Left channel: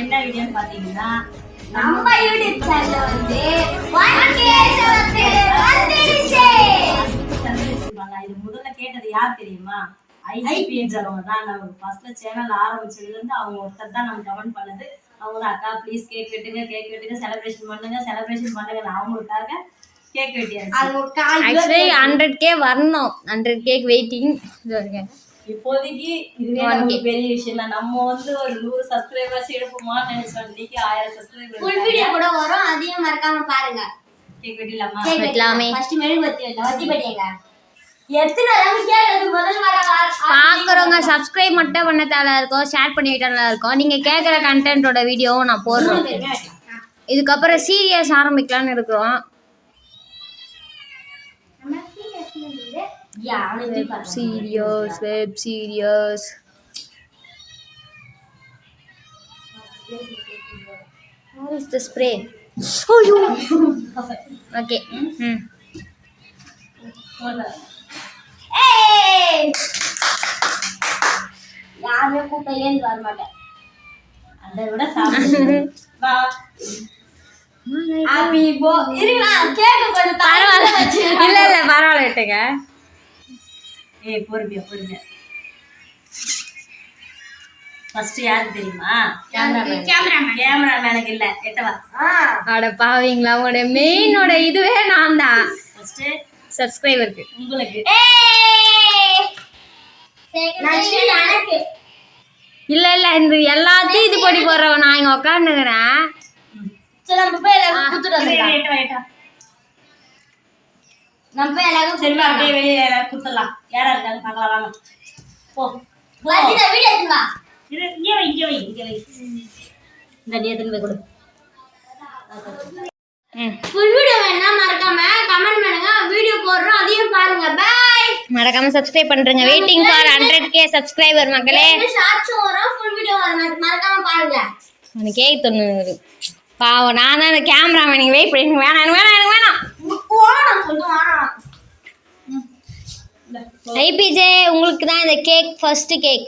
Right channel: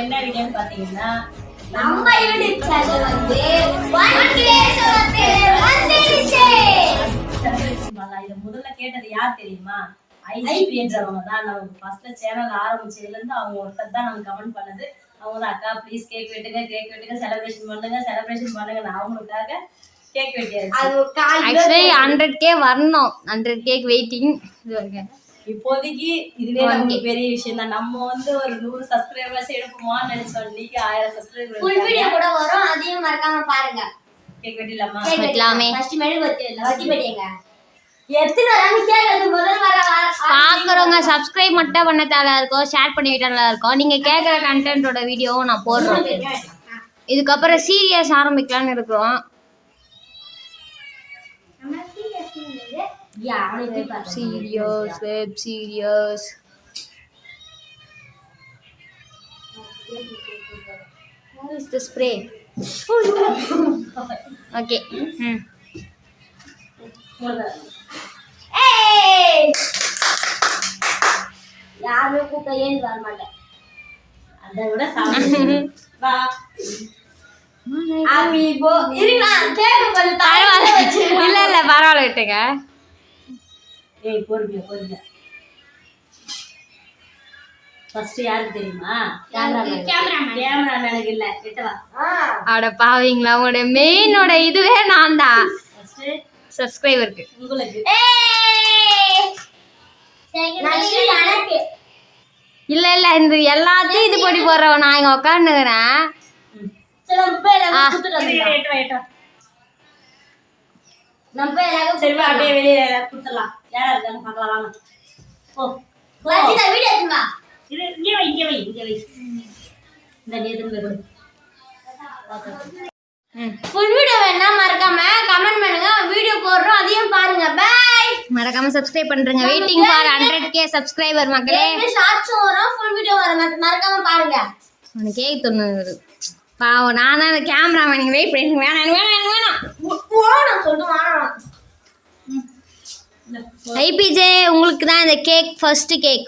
என்ன வீடியோன்னு பாத்தீங்கன்னா நம்ம யூடியூப் சேனல் வந்து 1k சப்ஸ்கிரைபர் வந்துருச்சு. இது முதல்ல கேட்டது யார் தெரியுமா? ஐசிபின்றவங்க தான். நம்ம ஃபர்ஸ்ட்ல சேனல் ஆரம்பிச்சதுல இருந்து அவங்க ஒருத்தர் தான் நமக்கு கமெண்ட் பண்ணது. அவங்க தான் அக்கா ப்ளீஸ் கேக் வெட்டுங்க செலிப்ரேஷன் பண்ணுங்க அவங்களுக்காக கேக் வெட்டியாச்சு. ஆக்சுவலி 100k வரணும். 100k waiting. இது வரைக்கும் இப்போதைக்கு இதுவே நமக்கு பெரிய விஷயம் தான். நம்ம வந்து ஒரு 100 சப்ஸ்கிரைபர்ஸ் எடுப்போமான்னு நினைச்சோம். இன்னைக்கு 1000 சப்ஸ்கிரைபர் ஃபுல் வீடியோ கூட வரும். அதையும் மறக்காம பாருங்க. கேக் வெட்டிலாமா? வெட்டலாமே. ஃபர்ஸ்ட் மெழுகுவர்த்தி இல்ல வத்தி வெட்டிங்க. எத்தனை நாள் கேக்குறது முதல் வர பாக்குறவங்க சப்ஸ்கிரைப் மட்டும் பண்ண தேவையா இருக்கும், ஷேர் பண்ணி விட்டால இருக்கும். நீங்க கேக்குற கண்டென்ட்டோட வீடியோவும் நான் போடுறோம். இதுக்கப்புறம் சீரியஸ் ஆரம்பிக்கலாம்னு இருக்கிறோம். Series web series. What is the spray? Okay. ஏய் யாருமே கூட்ட ஏந்து வர மாட்டேன். அதை விட சாப்பிடு வா. ஹாப்பி போ இருங்க கேக் கொஞ்சம் பரவாயில்ல இல்ல பரவாயில்ல விட்டுங்க. ஏய் பொறுமையா ஃபர்ஸ்ட் யாருக்கு தெரியுமா? கேமராமேனுக்கு இல்ல எட்டவா. அட பாவீங்களா, உங்களோட மெயினோட இதுவே நான் தான். ஃபர்ஸ்ட் சப்ஸ்கிரைபருக்கு உங்களுக்கு. இல்ல இந்த எல்லாத்தையும் இது பண்ணி போடுறவன் நான் இங்க உட்காந்துக்கிறேன். நம்ம போய் எல்லாரும் குத்துறோம். நம்ம போய் எல்லாரும் சரி வா அப்படியே வெளியில எல்லாரும் குத்தலாம். யாரா இருக்காங்க பார்க்கலாம் வாங்க. போ வச்சிடா வீடியோ எடுங்க. இது இங்க வை. இந்த நீ எடுத்து போய் கொடு. ஃபுல் வீடியோ வேணா மறக்காம கமெண்ட் பண்ணுங்க. வீடியோ போடுறோம் அதையும் பாருங்க. பை. மறக்காம சப்ஸ்கிரைப் பண்றேங்க. வெயிட்டிங் ஃபார் 100k சப்ஸ்கிரைபர் மக்களே. ஷார்ட்ஸும் வரும் ஃபுல் வீடியோ வரும். மறக்காம பாருங்க. எனக்கு கேக் தொண்ணூறு பாவம். நான் தான் அந்த கேமராமேன். நீங்கள் வெயிட் பண்ணி எனக்கு வேணாம். ஐபிஜே உங்களுக்கு தான் இந்த கேக் ஃபர்ஸ்ட் கேக்.